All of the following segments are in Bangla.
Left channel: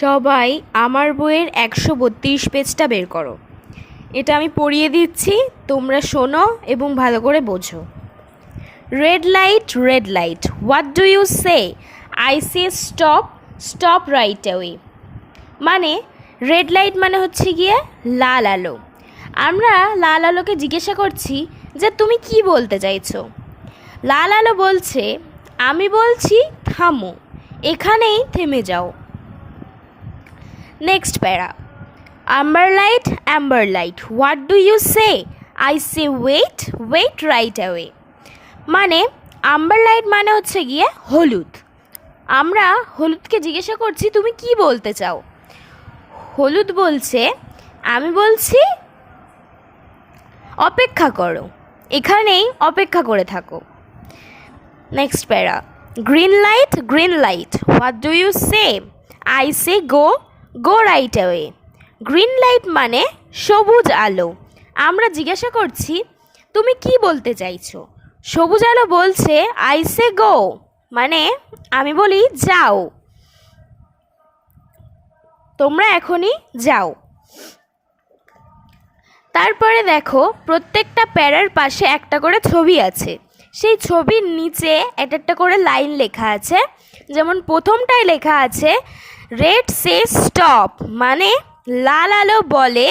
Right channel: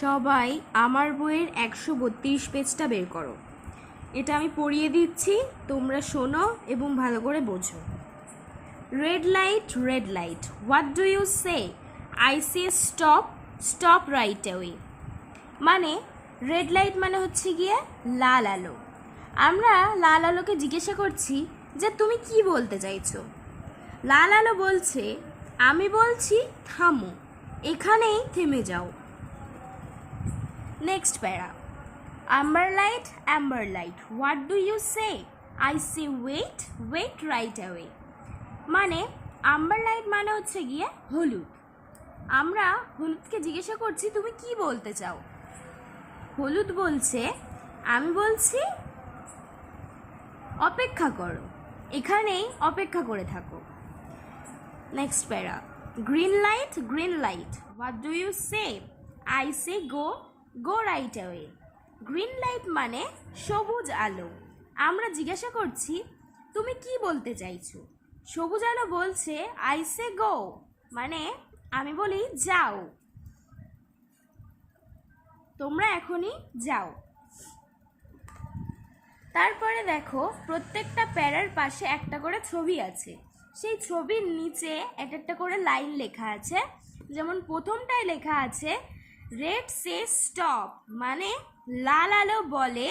সবাই আমার বইয়ের ১৩২ পেজটা বের করো। এটা আমি পড়িয়ে দিচ্ছি, তোমরা শোনো এবং ভালো করে বোঝো। Red light, what do you say? I say stop, stop right away. মানে রেড লাইট মানে হচ্ছে গিয়ে লাল আলো। আমরা লাল আলোকে জিজ্ঞাসা করছি যে তুমি কি বলতে চাইছো। লাল আলো বলছে, আমি বলছি থামো, এখানেই থেমে যাও। নেক্সট প্যারা, amber light, what do you say? I say wait, wait right away. মানে আম্বার লাইট মানে হচ্ছে গিয়ে হলুদ। আমরা হলুদকে জিজ্ঞাসা করছি তুমি কি বলতে চাও। হলুদ বলছে, আমি বলছি অপেক্ষা করো, এখানেই অপেক্ষা করে থাকো। Next para, green light, what do you say? I say go, go right away. Green light মানে সবুজ আলো। আমরা জিজ্ঞাসা করছি তুমি কি বলতে চাইছো। সবুজ আলো বলছে আই সে গো, মানে আমি বলি যাও, তোমরা এখনই যাও। তারপরে দেখো প্রত্যেকটা প্যারার পাশে একটা করে ছবি আছে। সেই ছবির নিচে একটা করে লাইন লেখা আছে। যেমন প্রথমটায় লেখা আছে রেড সে স্টপ, মানে লাল আলো বলে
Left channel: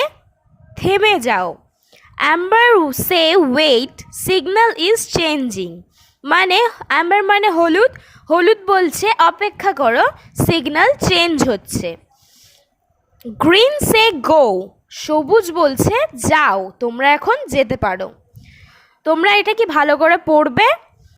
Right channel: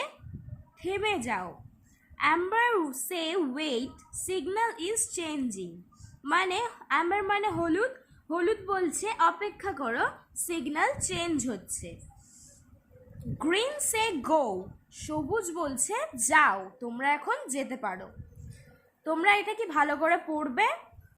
থেমে যাও। Amber say wait, signal is changing, মানে অ্যাম্বার মানে হলুদ, হলুদ বলছে অপেক্ষা করো, সিগন্যাল চেঞ্জ হচ্ছে। গ্রিন সে গো, সবুজ বলছে যাও, তোমরা এখন যেতে পারো। তোমরা এটা কি ভালো করে পড়বে?